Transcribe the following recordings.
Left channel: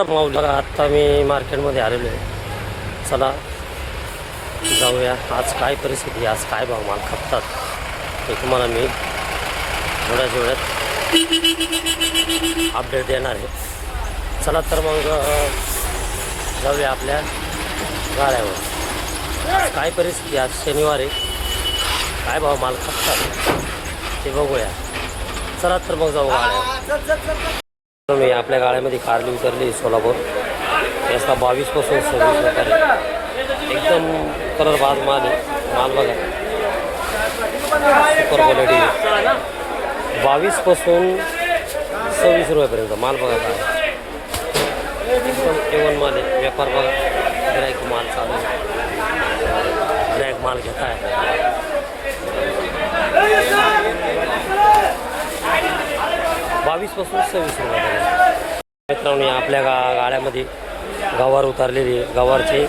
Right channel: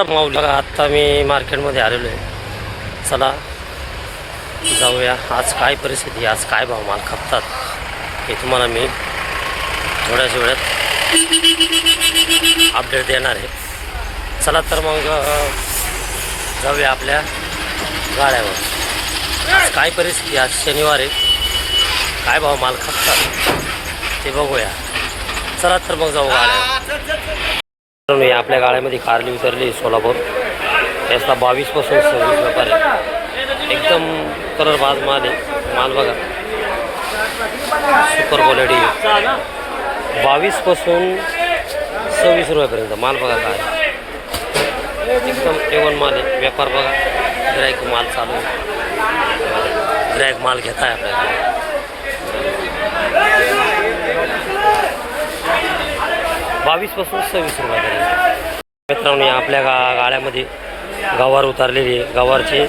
बघा आत्ता मी मार्केटमध्ये आलेलो आहे. चला जाऊया आज काय परिस्थिती, आज काय भाव माल खपतात हे तुम्हाला मी थोड्याच वेळात अपडेट देणार आहे. चला तर मग जाऊया आपल्या गाड्यावर. आज काय परिस्थिती, आज शनिवार आहे, काय भाव माल खपतात ते बघूया. चला तर मग जाऊ गाड्यावर. आपल्या गाड्यामध्ये कारली उतरली सोलापूर. याचा 22 पासून 26 व्यापार आहे. एकदम कलर बाज माल आहे. माल बघा सुपर क्वालिटी. 22 पासून 26 रुपयापर्यंत माल बघा काय एकदम A1 माल आहे. व्यापार बघा, गिराईक माल चालू आहे, गिराईक माल घेत आहे आपल्या गाड्या. 22 पासून 26 रुपयापर्यंत. मित्रांनो आपल्या गाड्यामध्ये गवार उतरलेली आहे. गवारचे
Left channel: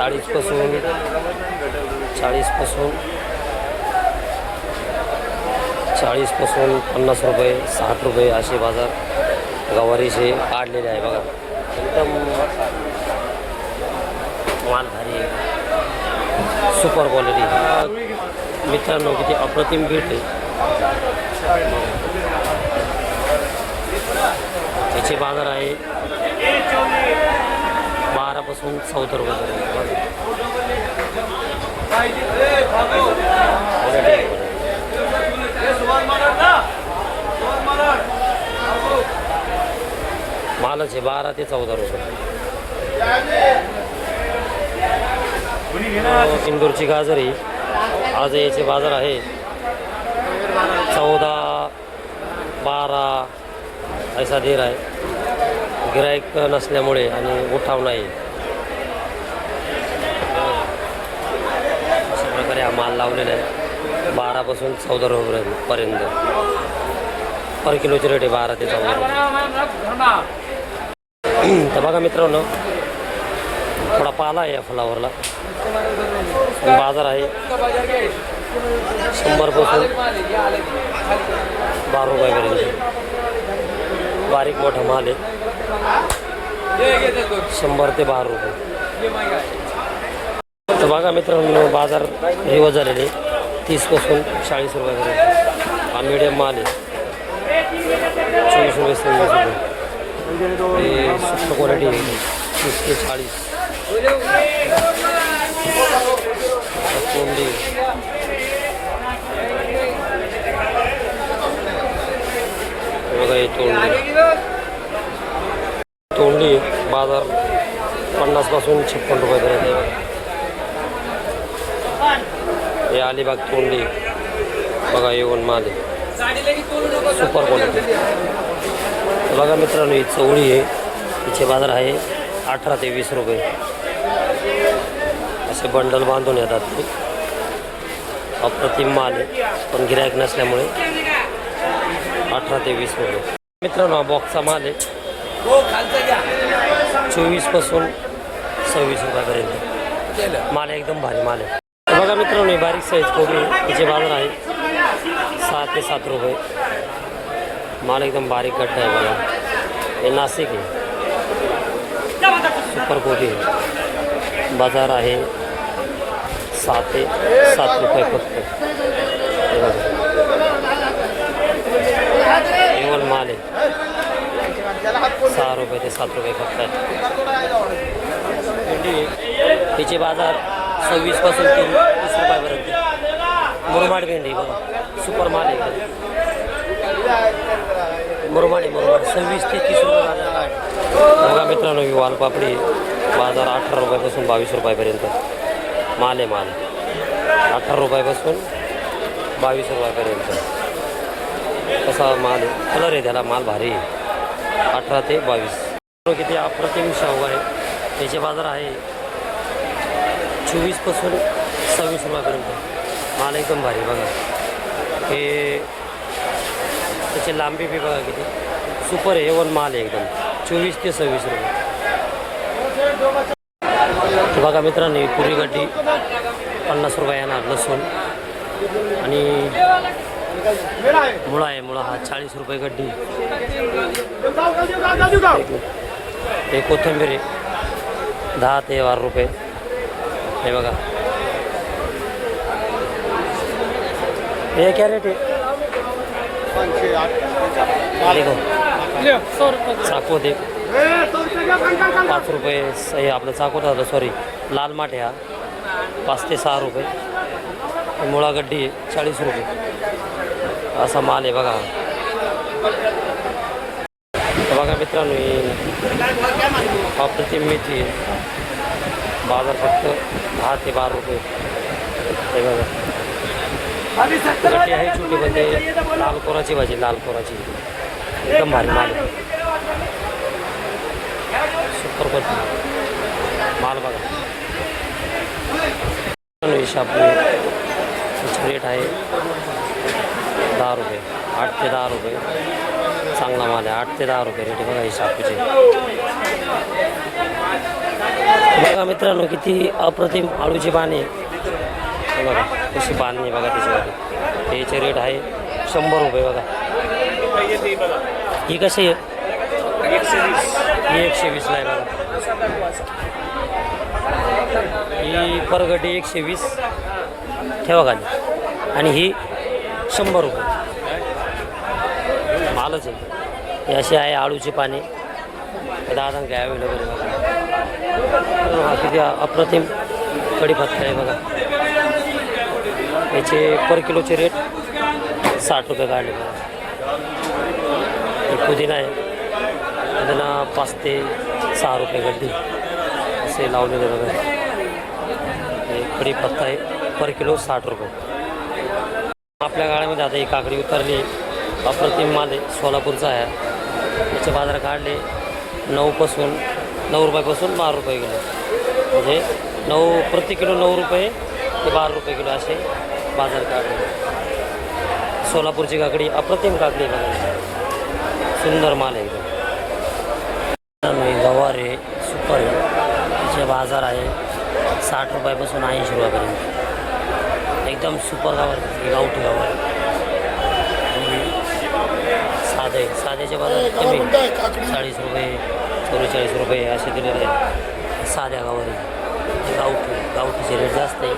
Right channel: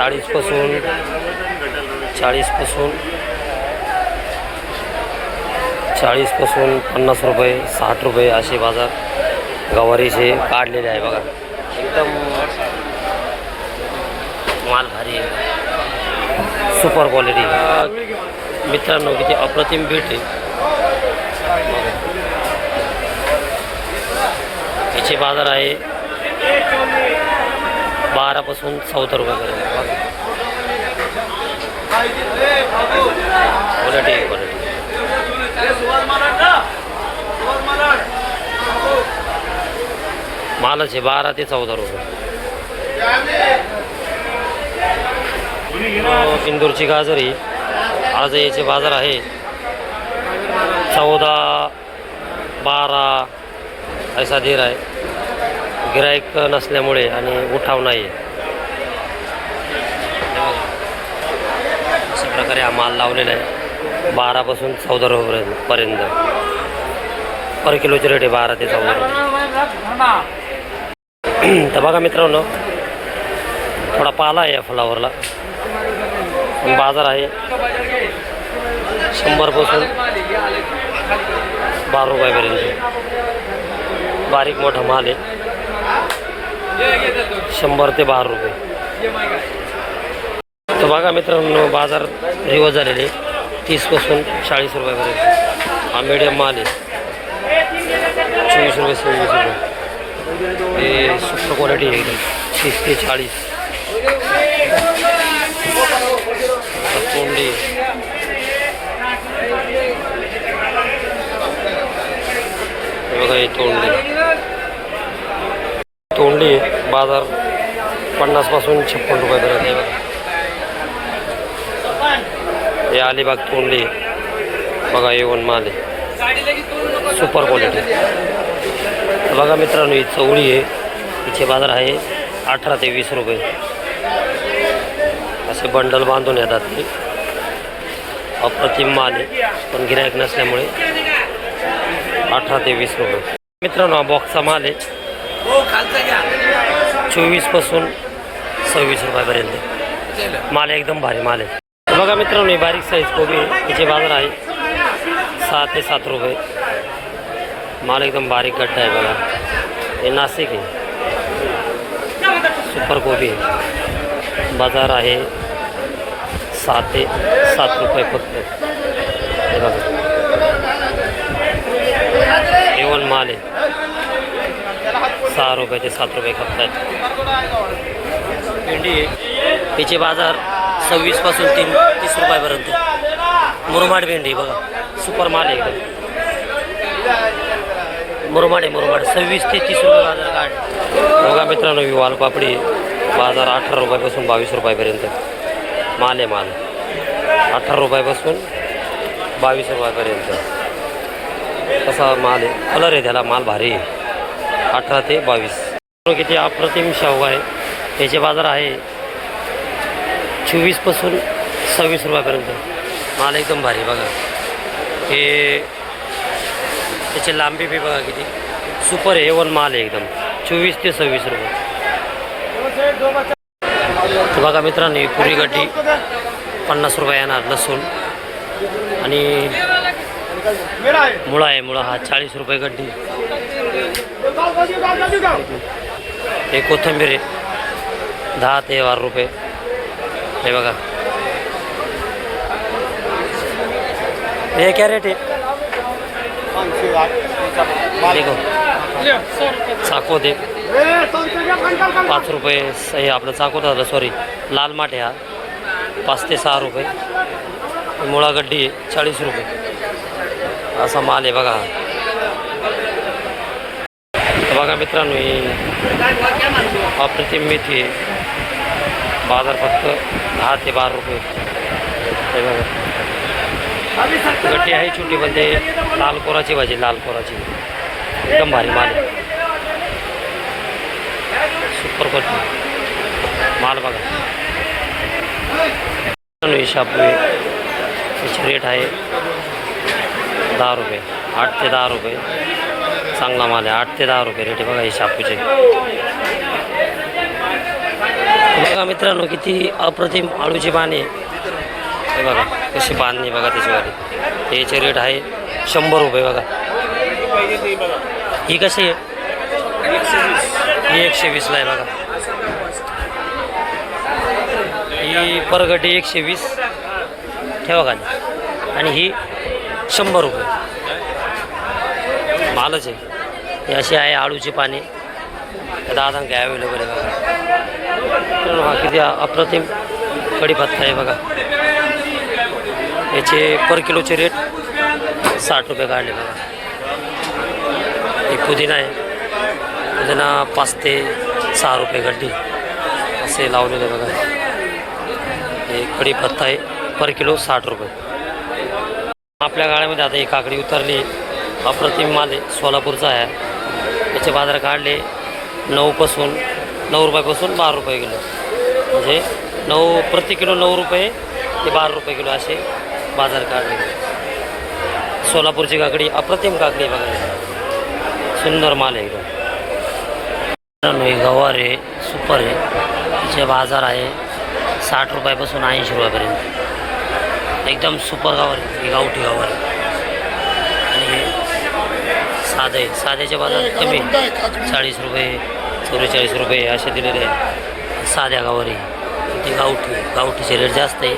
40 पासून 50 रुपये 60 रुपये असे बाजार गवारीचे काढलेले आहे. बघा एकदम माल भारी आहे, सुपर क्वालिटी. मित्रांनो किती अप्रतिम भेट आहे. याचे बाजार आहे 12 पासून 14 रुपयापर्यंत. Quality quality. मालाचे 12 ते 14 रुपये. इंदूरची गाजरी आज याचे बाजार आहे 14 12 ऐसा दे रहा है. गिराईक नसल्यामुळे आणि उठाव नाही. अशा प्रकारे हा माल लावलेला आहे 12 पासून 14 रुपयापर्यंत. पर किलोची रेट आहे 12 ते 14 रुपये. तर बघा मित्रांनो थोडा पाला आहे या फुलावरला. पण बाजार आहे 100 पासून 12 रुपयापर्यंत. बारीक मोठा माल आहे 100 ते 12 रुपये. तर बघा मित्रांनो बाजार रिवर्स झालेले 30 पासून 40 रुपयापर्यंत. हा मीडियम माल आहे 24 रुपये 26 रुपये. हे सुपर क्वालिटी आहे एकदम 30 ते 40. तोंडी बघा, हे तोंडली बाजार 50 पासून 56 रुपयापर्यंत आहे. बघा हे अलिबाग तोंडली बघा A1 माल आहे, सुपर क्वालिटी. तर बघा मित्रांनो ही चवळी आहे. तिचे बाजार आहे 18 ते 20 रुपये. असे बंडल बांधून येतात ते. अप्रतिम माल आहे पण गिराईक नसल्यामुळे 18 ते 20 रुपये. मित्रांनो हा बॉक्सचा माल आहे 24 पासून 26 रुपयापर्यंत. माल एकदम भारी माल आहे. तर बघा मित्रांनो ही बारीक साईज कोबी आहे. तिचे बाजार आहे 6 ते 7 रुपये. माल एकदम बारीक गड्डा आहे. बघा हे नाशिक आहे, सुपर कोबी आहे. बाजार आहे 6 ते 7 रुपये फक्त. हे बघा A1 माल आहे 6 रुपये ते 7 रुपये खपतात. भेंडी आहे तिचे बाजार 26 पासून 30 रुपयापर्यंत. मुरमाड भेंडी बघा सुपर माल आहे. मुरमाड 26 ते 30 रुपये बाजार काढ. बघा मित्रांनो ही वालपापडी बाजार 18 रुपयापासून 22 रुपयापर्यंत. माल आहे माल 18 रुपयापासून 22 रुपयापर्यंत. कसा माल आहे, कलर आहे त्याला, माल भारी आहे. 18 ते 22. किती अप्रतिम शेवगा आहे. त्याचे बाजार आहे 24 पासून 26 रुपयापर्यंत. माल एकदम भारी. बघा हे त्याची लांबी बी बघा किती सुपर आहे. A1 माल आहे एकदम 24 ते 26 रुपये. तर बघा मित्रांनो ही पुरी गड्डी 50 रुपये येणार. लसूण आणि मुळा आहे, मुळा हा 40 रुपये गड्डी. हे कोथिंबीर आहे 10 ते 12 रुपये. हे बघा हे क्या रेट आहे? देखो चाकवत आहे 5 रुपये. हे आपलं चाकवत झालं, सॉरी लाल माठ आहे हा 5 ते 6 रुपये. मुळा गड्डी आहे 40 रुपये. असा माल आहे बघा. बघा मित्रांनो, ही अप्रतिम मेथी आहे. बाजार फक्त 10 ते 12 रुपये. हे बघा गड्डी आहे छोटी, पण ते लाल कोराची भाजी, लाल कोराची एकदम भारी माल आहे. सुपर क्वालिटी माल बघा. शापू आहे, त्याची रेट आहे 10 रुपये, 8 ते 10 रुपये. चांगला माल आहे, 8 ते 10 रुपये रेट आहे बघा हे शापूचे. बघा मित्रांनो किती अप्रतिम आळूची बाणी आहे. हे बघा कशी बांधणी बघा त्याच्यावर. याचे रेट आहे 100 रुपये बघा. ही कशी आहे? ही 120ला आहे बघा. ही परगडी 120 ठेवा खाली, आणि ही 100 रुपये. मालच आहे. हे अशी आहे आळूची पाणी. दादा काय अवेलेबल आहे बघा. हा किती अप्रतिम कढीपत्ता आहे बघा. याचे पर किलोचे रेट 60 रुपये काढले बघा. हे पुदिना आहे, पुदिना 5 ते 6 रुपये गड्डी असे लावलेले बघा. हे कढीपत्ता आहे, पर किलो 60 रुपये. आपल्या गाड्यामध्ये आता ही काकडी उतरली, अप्रतिम माल आहे, सोलापूरचा आहे. याचे बाजार काढले 9 रुपयापासून 12 रुपये किलो. म्हणजे 9 प्रति किलो 9 रुपये ते 12 रुपये किलो असे बाजार काढले. सोलापूरची काकडी अप्रतिम काकडी बघा, सुंदर माल आहे एकदम. गवार आहे, सुपर आहे. याचे बाजार आहे 60 रुपयापासून 80 रुपयापर्यंत. एकदम सुपर गवार आहे, हे गावठी गवार आहे. आणि साधे साध्याचे बाजार कमी 40 रुपये 44 रुपये असे दिलेले आहेत. साध्या गवारी ते गावठीचे रेट जास्त आहे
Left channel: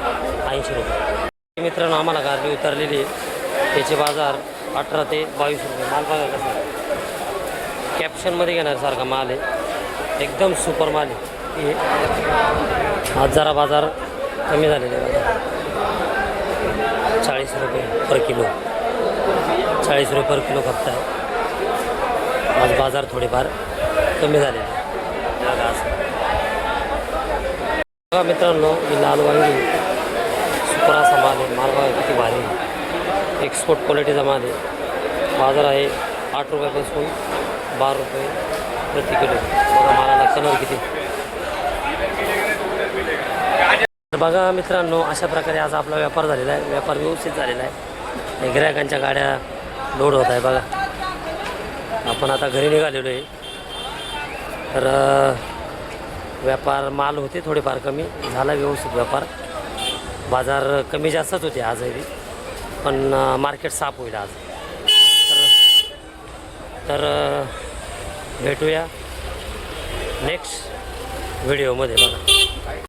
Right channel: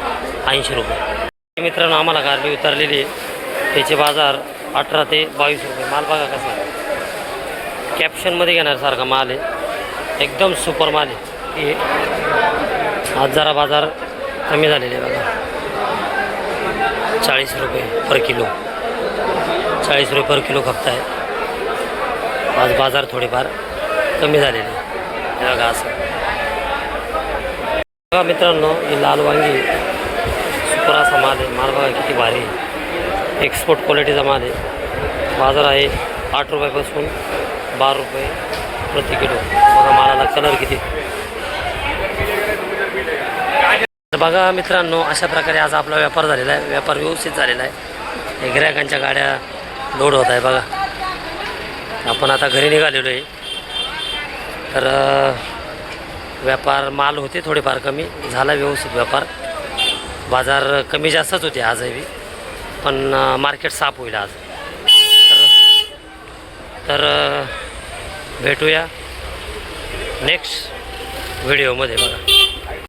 80 रुपये. मित्रांनो आम्हाला कारली उतरलेली आहे, त्याचे बाजार 18 ते 22 रुपये. माल बघा कसा आहे, कॅप्शनमध्ये घेण्यासारखा माल आहे, एकदम सुपर माल आहे. हे आज जरा बाजार कमी झालेले आहे बघा. 40 रुपये पर किलो, 40 रुपये पर किलो खपत आहे. आज बाजार थोडेफार कमी झालेले बघा. असं बघा मित्रांनो, ही लाल वांगी सुपर असा माल आहे. माल बघा किती भारी आहे, एक्सपोर्ट क्वालिटीचा माल आहे. बाजार आहे 8 रुपयापासून 12 रुपये प्रति किलो. बघा मालाला कलर किती. बघा मित्रांनो, अशा प्रकारे आज आपला व्यापार झालेला आहे. व्यापार व्यवस्थित झालेला आहे. गिऱ्हाईकांच्या गाड्या लोड होत आहे बघा. आपण आता घरी निघालेलो आहे. तर व्यापार माल होते थोडेफार कमी झाला, व्यवस्थित व्यापार. बाजार कमी जास्तच होते आजही, पण मार्केट साफ होईल आज. तर भेटूया नेक्स्ट व्हिडिओमध्ये बघा.